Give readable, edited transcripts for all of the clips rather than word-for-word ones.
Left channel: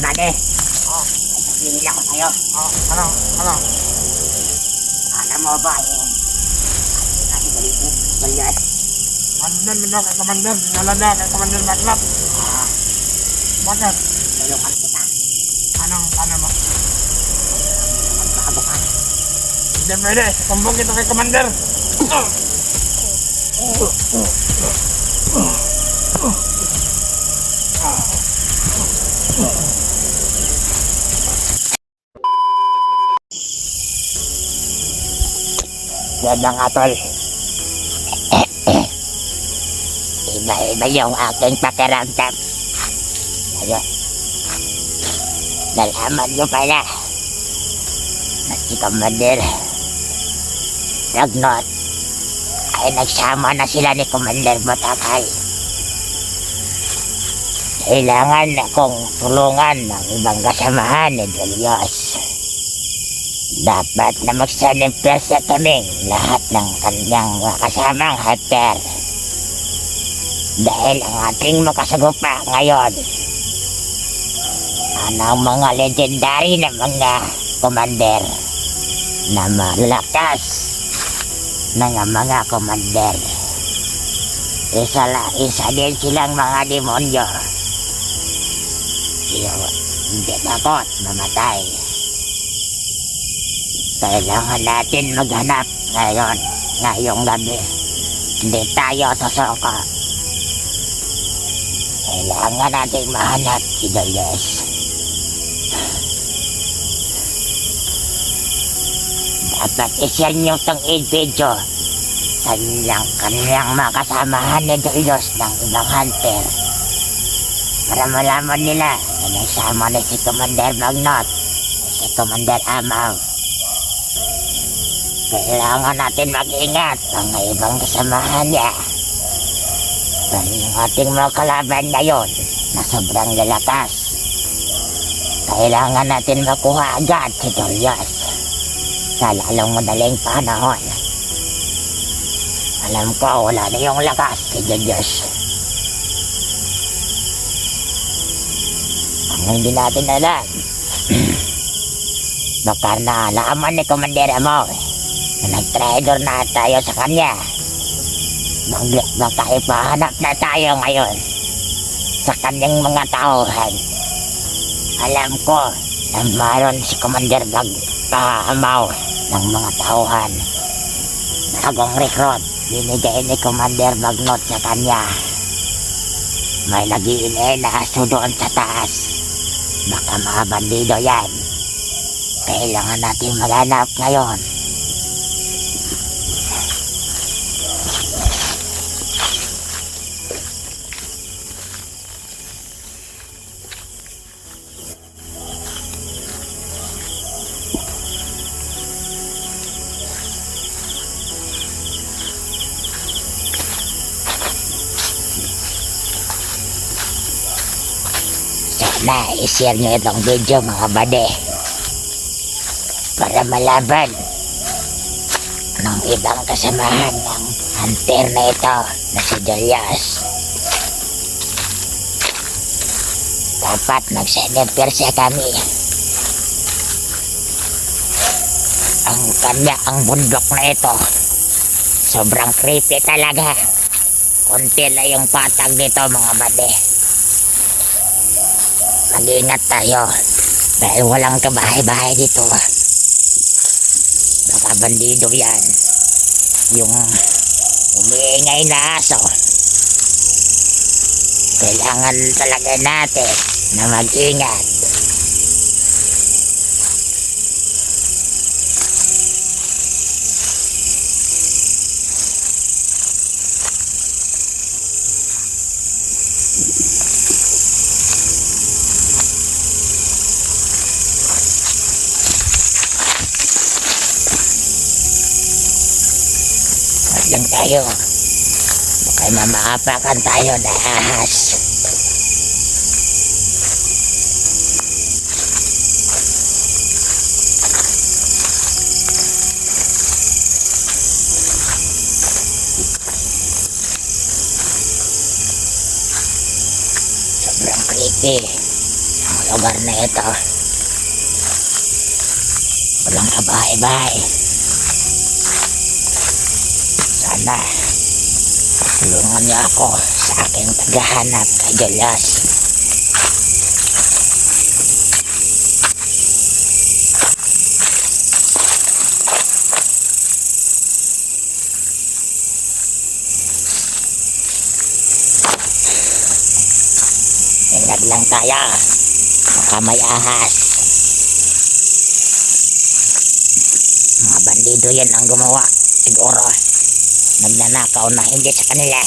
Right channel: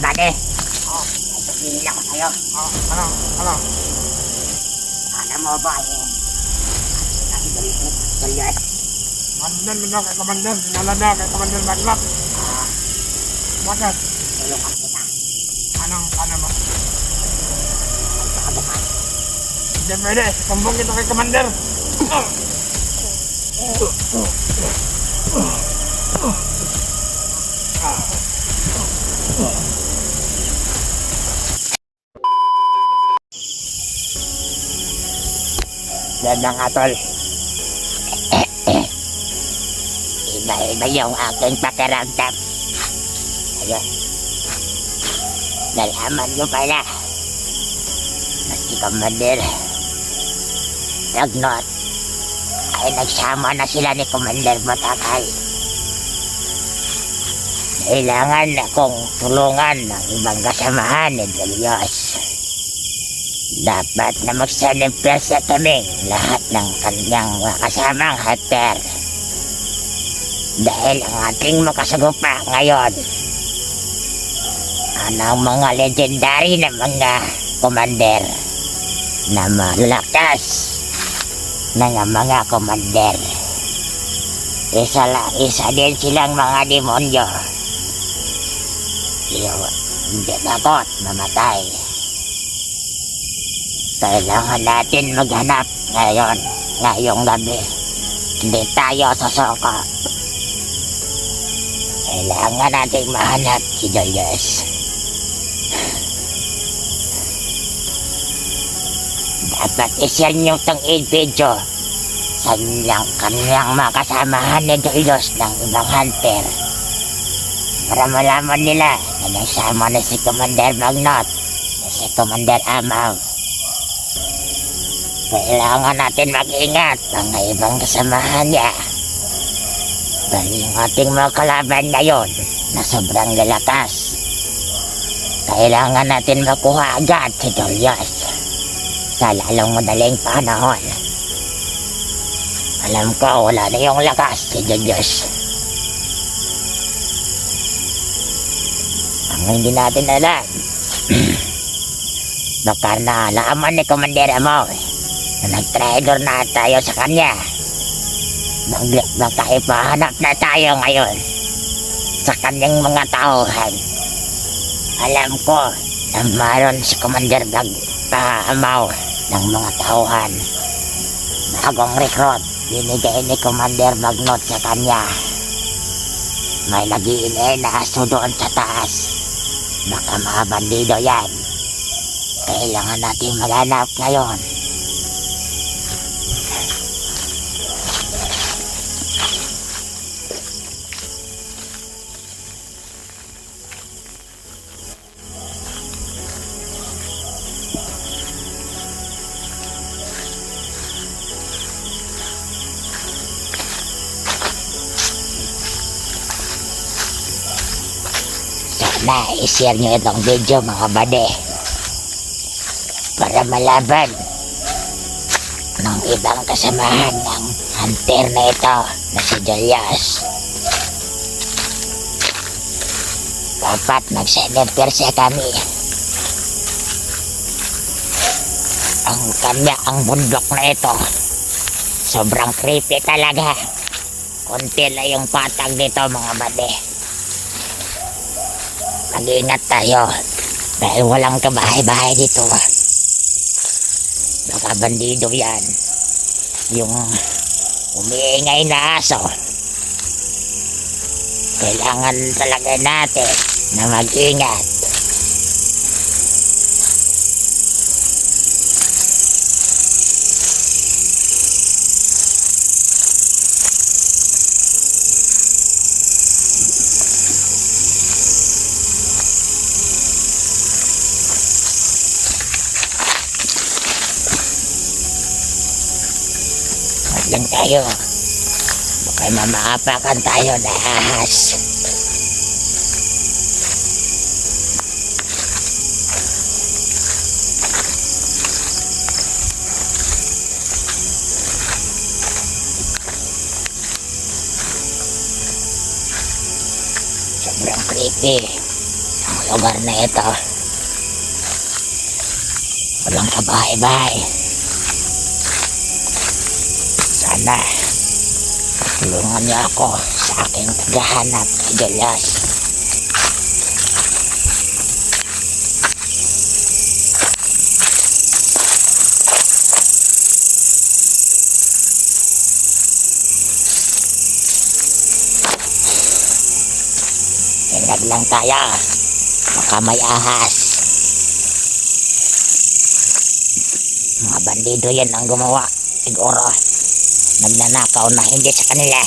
bade. May sabihin ako sa'yo. Ano? Alam mo ba natin Goliath? Nandun na kay Commander. Dinala na kay Commander Magnat. Bakit? Tulungan kita. Ano mo? Magpakabukan. Hindi pwede. Sumbong kita kay Commander. Yan na nga, tol. Iba yung aking pakiramdam. Ayun. Nalaman mo pala na si Commander Magnot ay nagsama na sila ni Commander Botakay. Kailangan akong tulungan ng ibang kasamahan ni Delios. Dapat na magsanimpresa kaming lahat ng kanyang kasamang hunter. Dahil ang ating makasagupa ngayon ang mga legendary na mga commander na malakas ng mga commander. Isa din silang mga demonyo. Hindi takot mamatay. Kailangan natin maghanap ngayong gabi. Hindi tayo sasoko. Kailangan natin mahanap si Delios. Dapat i-share nyo itong video sa kanyang mga kasamahan ni Delios ng ibang hunter para malaman nila na nagsama na si Commander Magnot at si Commander Amaw. Kailangan natin mag-ingat ang ibang kasamahan niya. Dahil yung ating mga kalaban na yun na sobrang lalakas. Kailangan natin makuha agad si Delios sa lalong madaling panahon. Alam ko wala na yung lakas si Delios. Ang hindi natin alam baka naalaman ni Commander Amaw na nag-traitor na tayo sa kanya. Baka ipahanap na tayo ngayon sa kanyang mga tauhan. Alam ko na mayroon si Commander Amaw ng mga tauhan. Bagong recruit binigay ni Commander Magnot sa kanya. May nag-iinay na aso doon sa taas. Baka mga bandido yan. Kailangan natin maghanap ngayon. Sana i-share nyo itong video mga bade para malaban ng ibang kasamahan ng hunter na ito na si Delios. Dapat nagsanimpresa kami. Ang bundok na ito sobrang creepy talaga. Konti na yung patag nito mga bade. Mag-ingat tayo dahil walang kabahay-bahay dito. Baka bandido yan. Yung umiingay na aso. Kailangan talaga natin na mag-ingat. Lang tayo. Baka mamakapakan tayo na ahas. Sobrang creepy ang lugar na ito. Walang kabahay-bahay. Sana tulungan niyo ako sa aking paghahanap kay Julius. Ingat lang tayo. Baka may ahas. Mga bandido yan ang gumawa. Siguro, nagnanakaw na hindi sa kanila.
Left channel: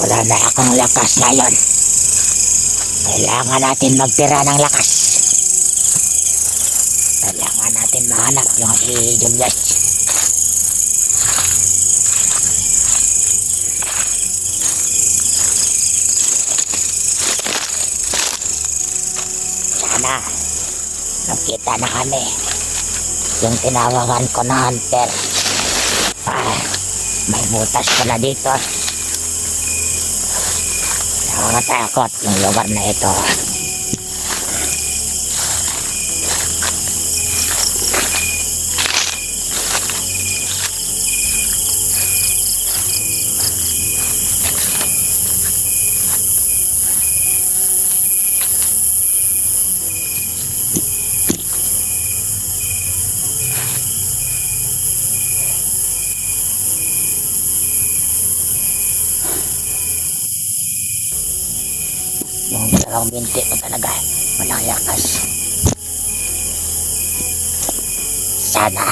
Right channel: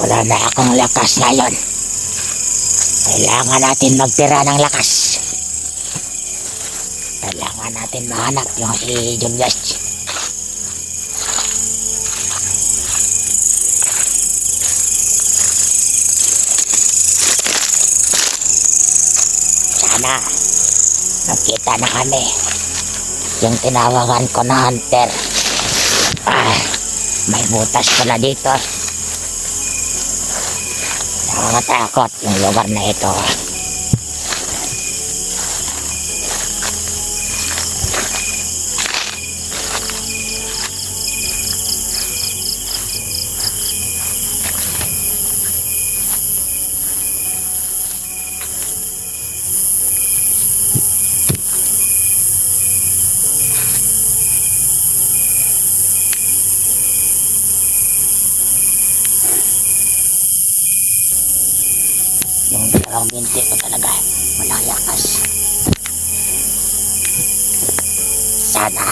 Wala na akong lakas ngayon. Kailangan natin magtira ng lakas. Kailangan natin mahanap yung si Julius. Sana nakita na kami yung tinawagan ko na hunter. May butas pala dito. Nakakatakot yung lugar na ito. Yung dalawang binti ko talaga malalakas. Sana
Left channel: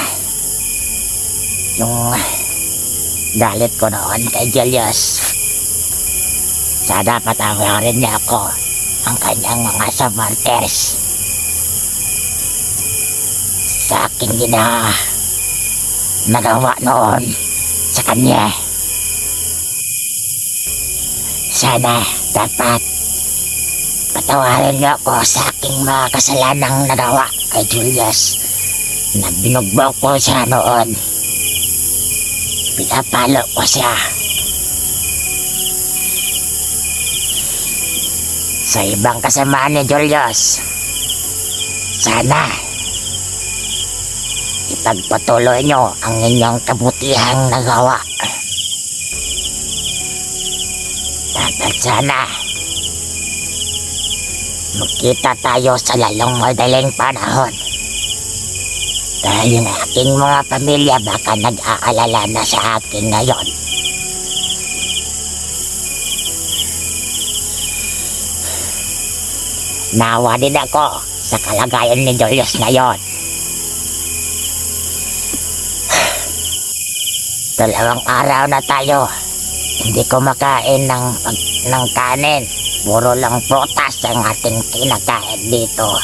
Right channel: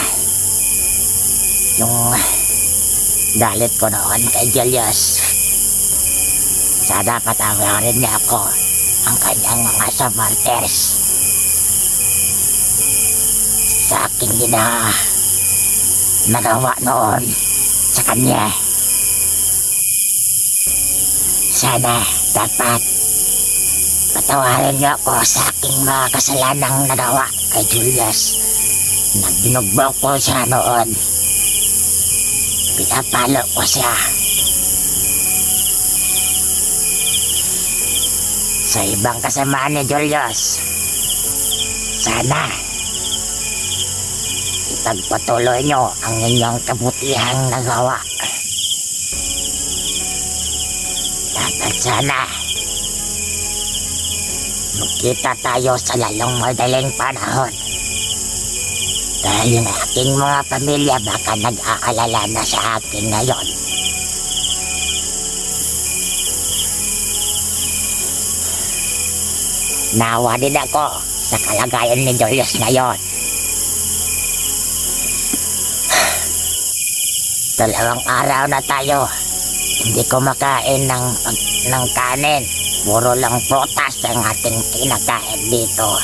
yung galit ko noon kay Julius, sana patawarin niya ako ang kanyang mga samartes sa aking nagawa noon sa kanya. Sana dapat patawarin niyo ako sa aking mga kasalanang nagawa kay Julius na binugbog ko siya noon. Pinapalo ko siya sa ibang kasamaan ni Julius. Sana ipagpatuloy niyo ang inyong kabutihang nagawa. Dapat sana magkita tayo sa lalong madaling panahon. Dahil yung aking mga pamilya baka nag-aalala na sa akin ngayon. Nawa din ako sa kalagayan ni Julius ngayon. 2 araw na tayo hindi ko makain ng kanin. Puro lang prutas ang ating kinakain dito.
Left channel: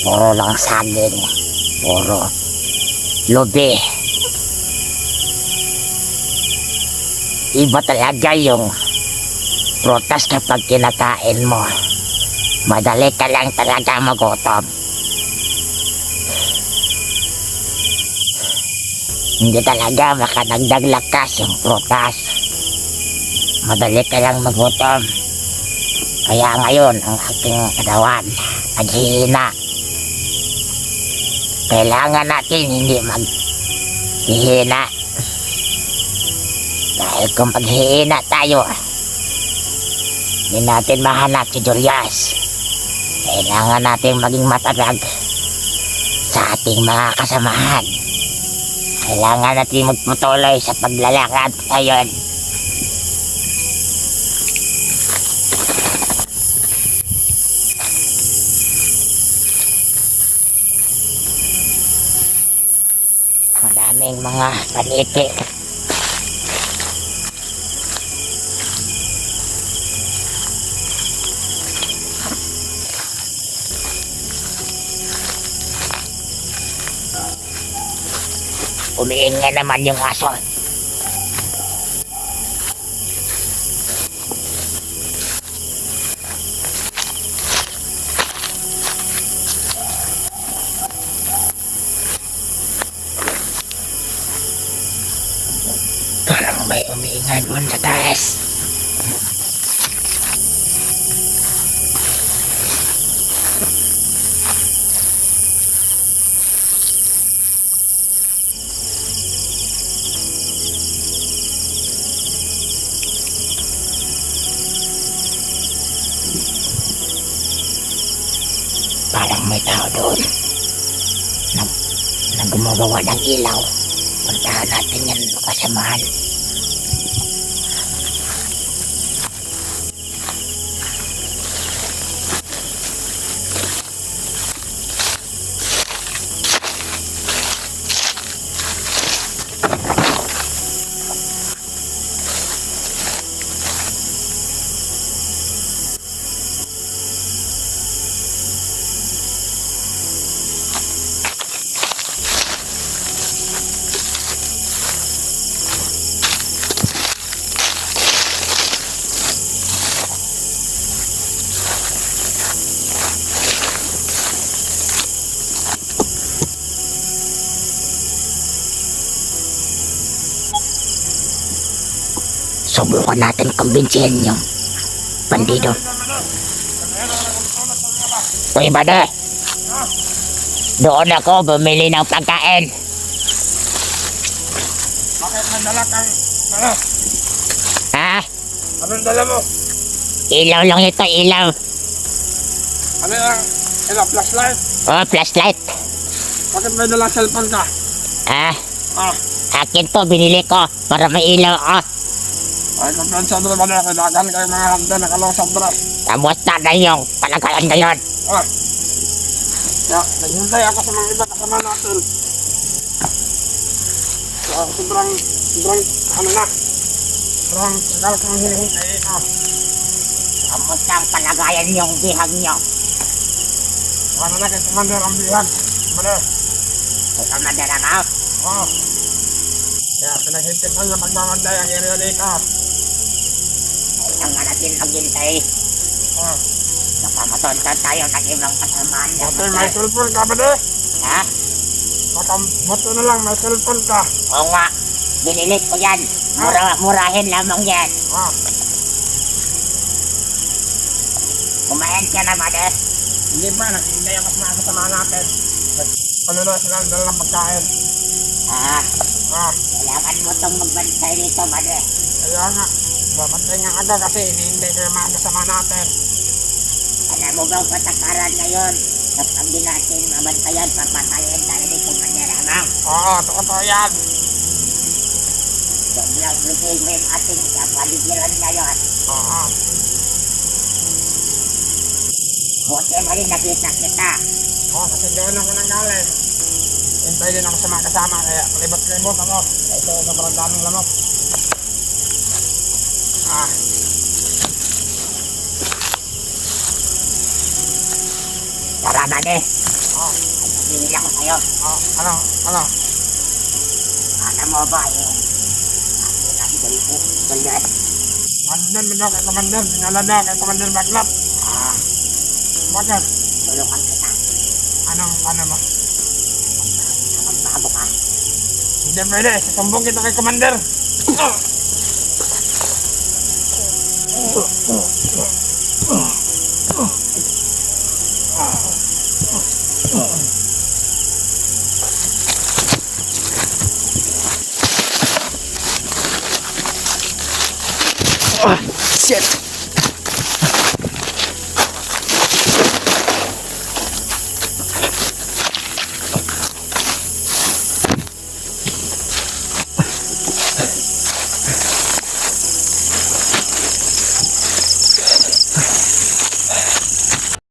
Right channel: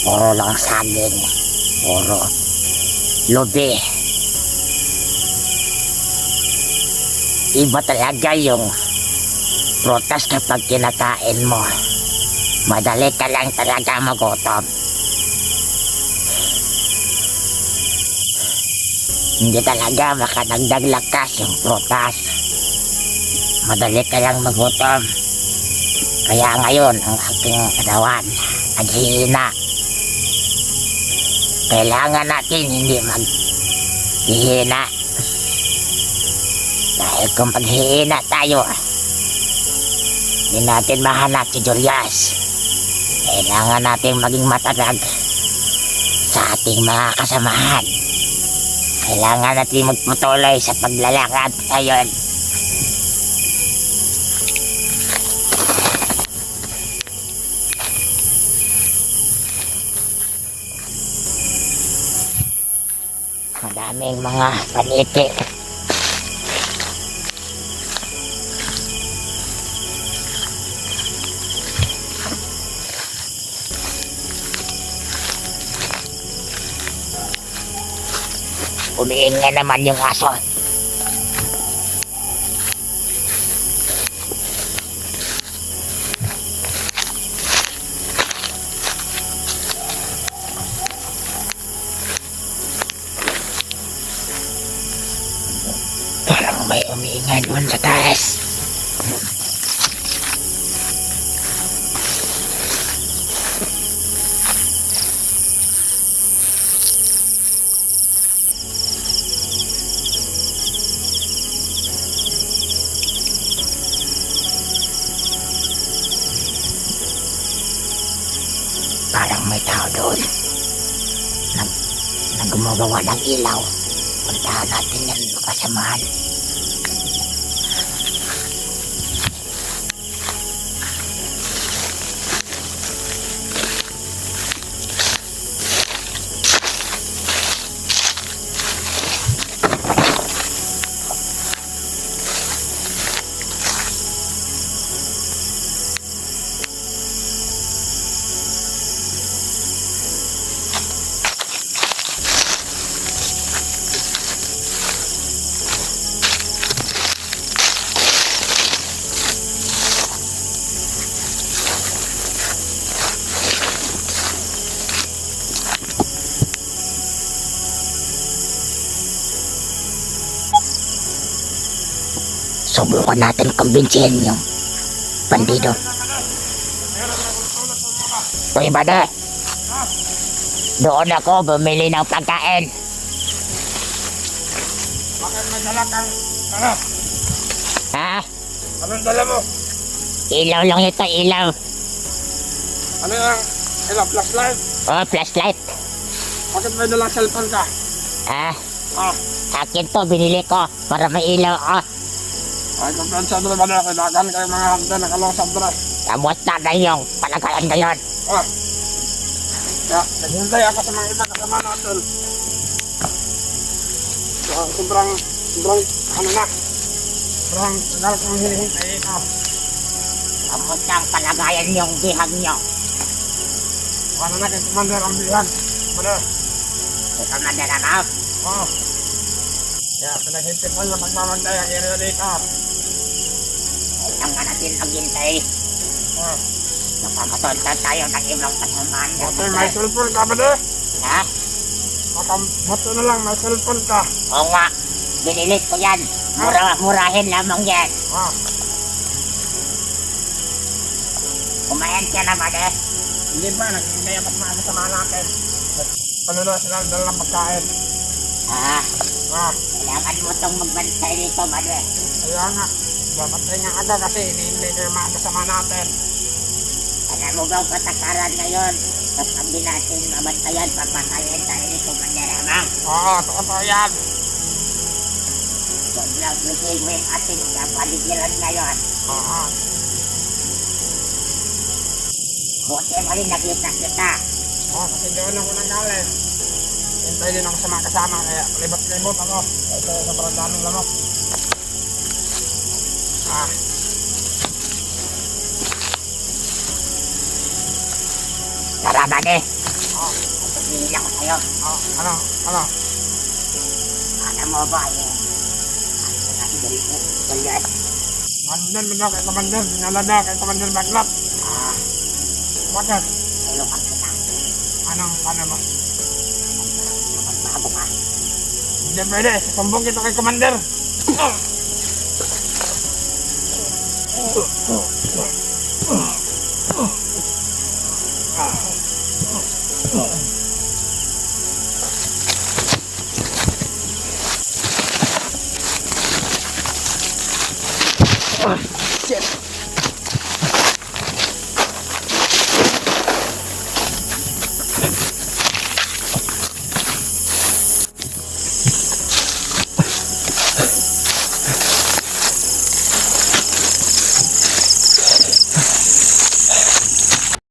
Puro lang saging. Puro lubi. Iba talaga yung prutas kapag kinakain mo. Madali ka lang talaga magutom. Hindi talaga makadagdag lakas yung prutas. Madali ka lang magutom. Kaya ngayon ang ating katawan naghihina. Kailangan natin hindi maghihina. Dahil kung paghihina tayo, hindi natin mahanap si Julius. Kailangan natin maging matatag sa ating mga kasamahan. Kailangan natin magpatuloy sa paglalakad ngayon. Madaming mga paniki. Umiinga naman yung aso. Parang may umiinga doon sa taas. Parang may tao doon. Na gumagawa ng ilaw. Puntahan natin yan kasamahan. Subukan natin kumbinsihin yung bandido. Uy, bade! Doon ako bumili ng pagkain. Bakit may dala kayo? Eh, Ha? anong dala mo? Ilaw lang ito, ilaw. Ano yung flashlight? Oh, flashlight. Bakit may dala cellphone ka? Ha? Ah, Akin to, binili ko para may ilaw ako. ay kumpensa doon ba na kailangan kayo mga handa na kalong sa dress. Kamusta na yung palagayan ngayon? Ah, naghintay ako sa mga iba kasama natin. So, sobrang, ano na, sobrang tagal kong hinihintay ito. Kamusta ang palagayan yung bihag nyo? Ano na kay Commander ang bihag. Ano? Ikaw madala ka? Oh. Kaya pinaghintay ko na pagmamantay ang area dito. Kailangan nga natin maghintay. Oh. Baka matonta tayo ng ibang kasamaan. Buti may cellphone ka ba de? Ha? Baka buti na lang may cellphone ka. Oo nga. Binili ko yan. Murahin lamang yan. Ah, Kumain ka na ba, de? hindi ba? Naghintay ako sa mga kasama natin. Ano na sila dala ng pagkain. Ha? Ah, Kailangan mo itong magbantay dito, ba, de? kaya nga. Babantay nga aga kasi hinihintay ko yung mga kasama natin. Alam mo ba ang patakaran ngayon? At sabi natin mabantayan, papatayin tayo dito, manyaramang. Oo, totoo yan. Sobrang lusin mo yung ating kapaligiran ngayon. Oo. Buti na rin nakita kita. Oo, kasi doon ako nang galing. Hintay din ako sa mga kasama kaya palibot-libot ako. Ito sobrang daming lamok. Ah, Tara, ba, de? oh, Pagpapili ako sa'yo. oh, ano? Alam mo ba yung ano na si Goliath? Commander mo daw kay Commander. Dinala daw kay Commander Baglap. Ah, Bakit? tulungan kita. Ano mo? Magbago ka. Hindi pwede. Sasumbong kita kay Commander.